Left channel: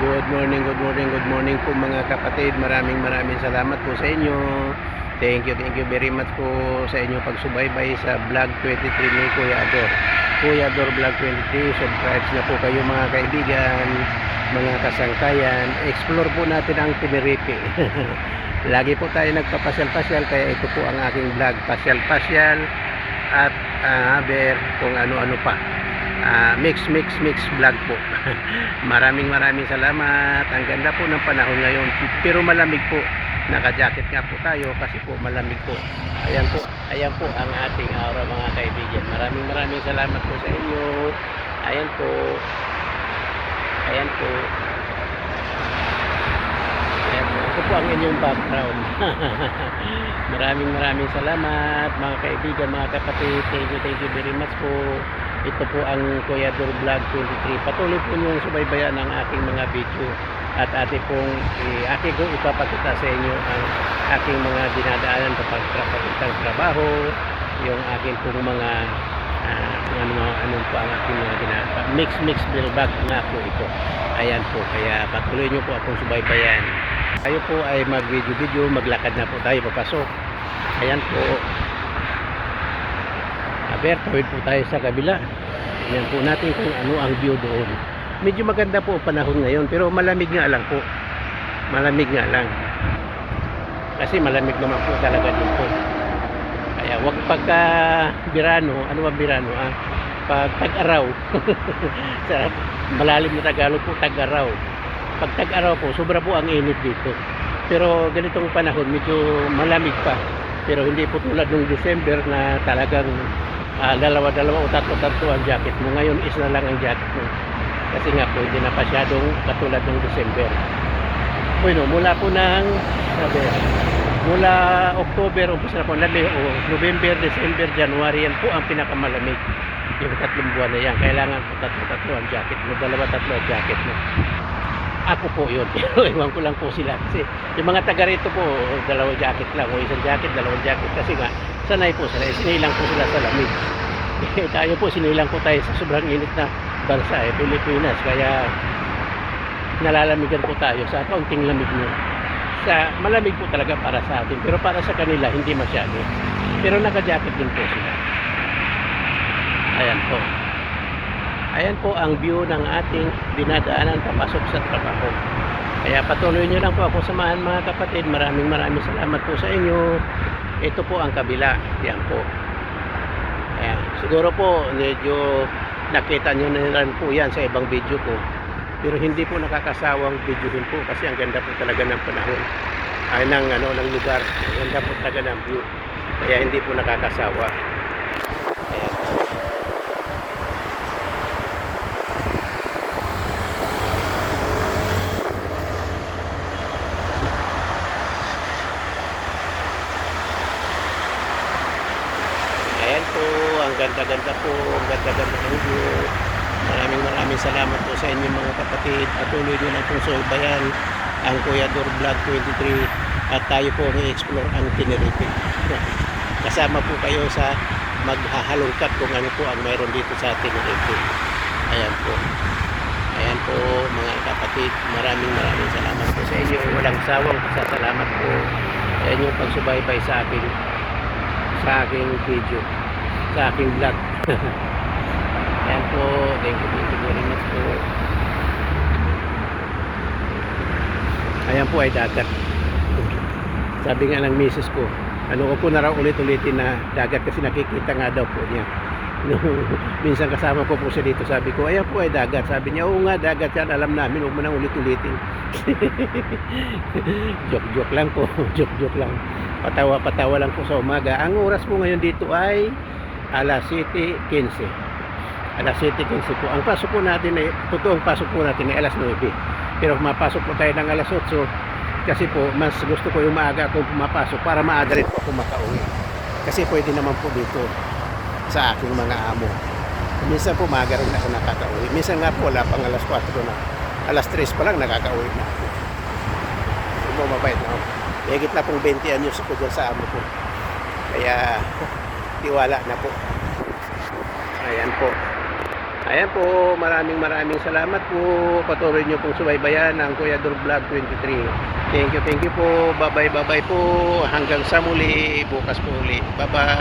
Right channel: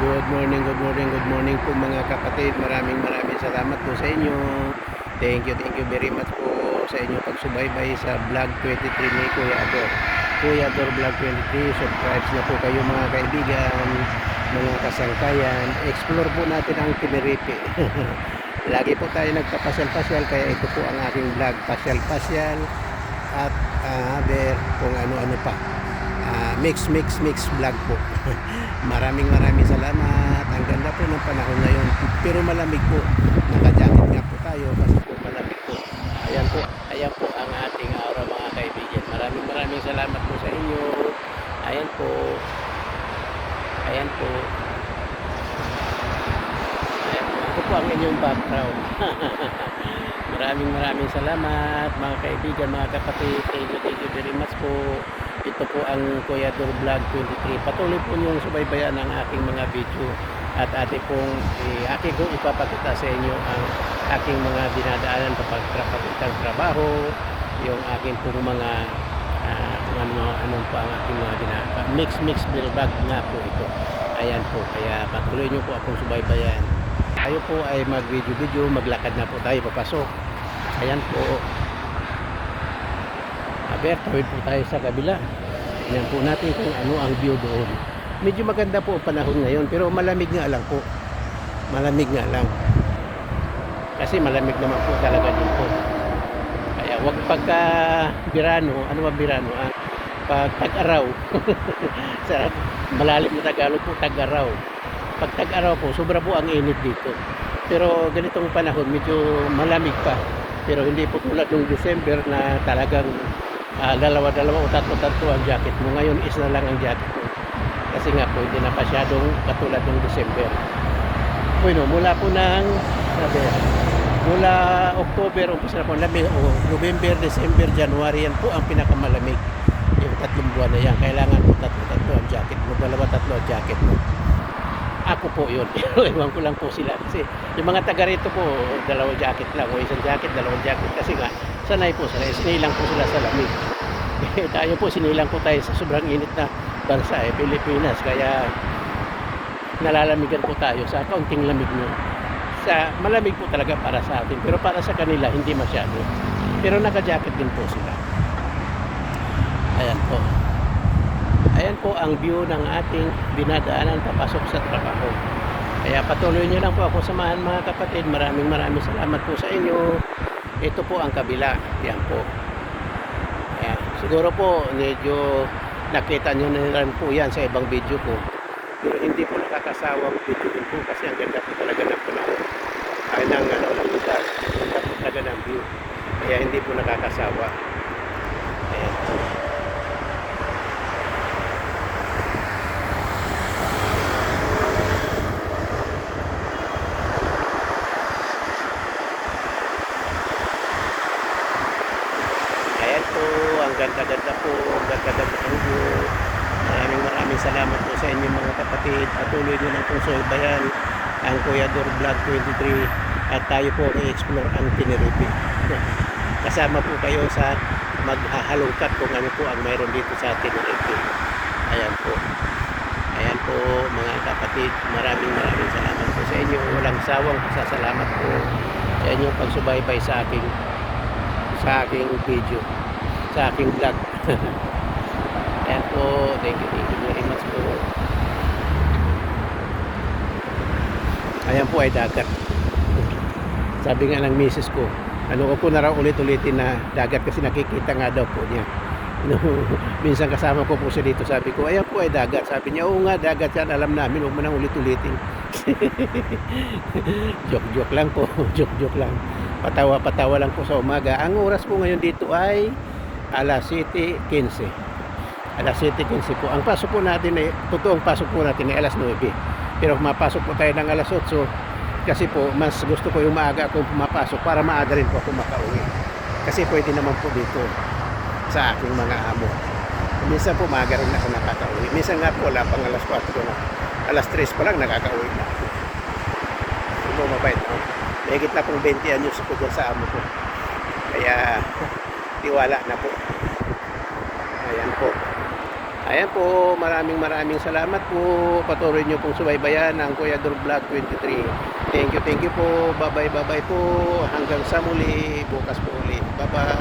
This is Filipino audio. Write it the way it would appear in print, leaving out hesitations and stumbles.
Good morning, good morning po mga kapatid. Maraming salamat po sa inyo. Thank you very much po sa inyo pagsubaybay sa vlog 23 ni Kuya Ador. Kuya Ador Vlog 23, subscribe na po kayo mga kaibigan, mga kasangkayan. Explore po natin ang Tenerife. Lagi po tayo nagpapasyal-pasyal, kaya ito po ang aking vlog, pasyal-pasyal at kung ano-ano pa. Mix vlog po. maraming salamat. Ang ganda po ng panahon ngayon, pero malamig po. Naka-jacket nga po tayo kasi po malamig po. Ayan po ang ating aura mga kaibigan. Maraming salamat po sa inyo. Ayan po. Ayan po. Ako po ang inyong background. maraming salamat mga kaibigan, mga kapatid. Thank you very much po. Ito po ang Kuya Ador Vlog 23. Patuloy po niyong subaybayan ang aking mga video at aking ko ipapakita sa inyo ang aking mga dinadaanan kapag papuntang trabaho, yung aking pong mga kung ano po ang aking mga ginagawa. Mix vlog nga po ito. Ayan po, kaya patuloy niyo po akong subaybayan. Tayo po ay mag-video, maglakad na po tayo papasok. Ayan po. Tawid po tayo sa kabila. Tingnan po natin kung ano ang view doon. Medyo maganda po ang panahon ngayon, pero malamig nga lang po. Malamig nga lang. Kasi malamig naman po talaga dito. Kaya wag pagka birano, ano ba birano? Pag tag-araw. Sa malalim na Tagalog po, tag-araw. Pag tag-araw po, sobra po ang init dito. Pero ganitong panahon, medyo malamig pa. Pero hindi po tulad ng December na talagang dalawa o tatlo ang jacket mo. Ngayon isa na lang ang jacket mo. Kasi nga po, hindi na pasyadong katulad ng December. Bueno, mula po mula October, umpisa na po, November, December, January, yan po ang pinakamalamig. Yung 3 buwan na yan. Kailangan po tatlo ang jacket mo. 2-3 ang jacket mo. Ako po yun. Iwan ko lang po sila. Kasi yung mga taga rito po, 2 jacket lang. O 1 jacket, 2 jacket. Kasi nga, sanay po sila. Sinilang po sila sa lamig. Tayo po, sinilang po tayo sa sobrang init na bansa, Pilipinas. Kaya nalalamigan po tayo sa kaunting lamig nyo. Malamig po talaga para sa atin. Pero para sa kanila, hindi masyado. Pero naka-jacket din po sila. Ayan po. Ayan po ang view ng ating dinadaanan papasok sa trabaho. Kaya patuloy nyo lang po ako samahan mga kapatid. Maraming salamat po sa inyo. Ito po ang kabila. Yan po. Ayan. Siguro po medyo nakita nyo na rin po yan sa ibang video ko. Pero hindi po nakakasawang video din po kasi ang ganda po talaga ng panahon. Ay ng lugar. Ang ganda po talaga ng view. Kaya hindi po nakakasawa. Ayan po. Ang ganda-ganda po, ang ganda-ganda po view. Maraming salamat po sa inyo mga kapatid. Patuloy nyo na pong subaybayan ang Kuya Ador Vlog 23 at tayo po i-explore ang Tenerife. Kasama po kayo sa maghahalungkat kung ano po ang mayroon dito sa Tenerife. Ayan po. Ayan po mga kapatid. Maraming salamat po sa inyo. Walang sawang pasasalamat po sa inyo pagsubaybay sa aking video, sa aking vlog. Ayan po, thank you very much po. Ayan po ay dagat. Sabi nga ng misis ko, ano ko po na raw ulit-ulitin na dagat kasi nakikita nga daw po niya. Minsan kasama ko po siya dito, sabi ko, ayan po ay dagat. Sabi niya, oo nga, dagat yan, alam namin, huwag mo nang ulit-ulitin. Joke lang po, joke lang. Patawa lang po sa umaga. Ang oras po ngayon dito ay alas 7:15. Alas 7:15 po. Ang pasok po natin totoong pasok po natin ay alas 9. Pero mapasok po tayo ng alas 8 kasi po mas gusto ko yung maaga akong pumapasok para maaga rin po ako makauwi. Kasi pwede naman po dito sa aking mga amo. Minsan po maaga rin ako nakakauwi. Minsan nga po wala pang alas 4 na. Alas 3 pa lang nakakauwi na ako. Mabait na ako. Higit na pong 20 anyos ako dyan sa amo ko. Kaya tiwala na po. Ayan po. Ayan po, maraming salamat po. Patuloy nyo pong subaybayan ang Kuya Dur Vlog 23. Thank you po. Bye bye po. Hanggang sa muli. Bukas po uli. Bye bye.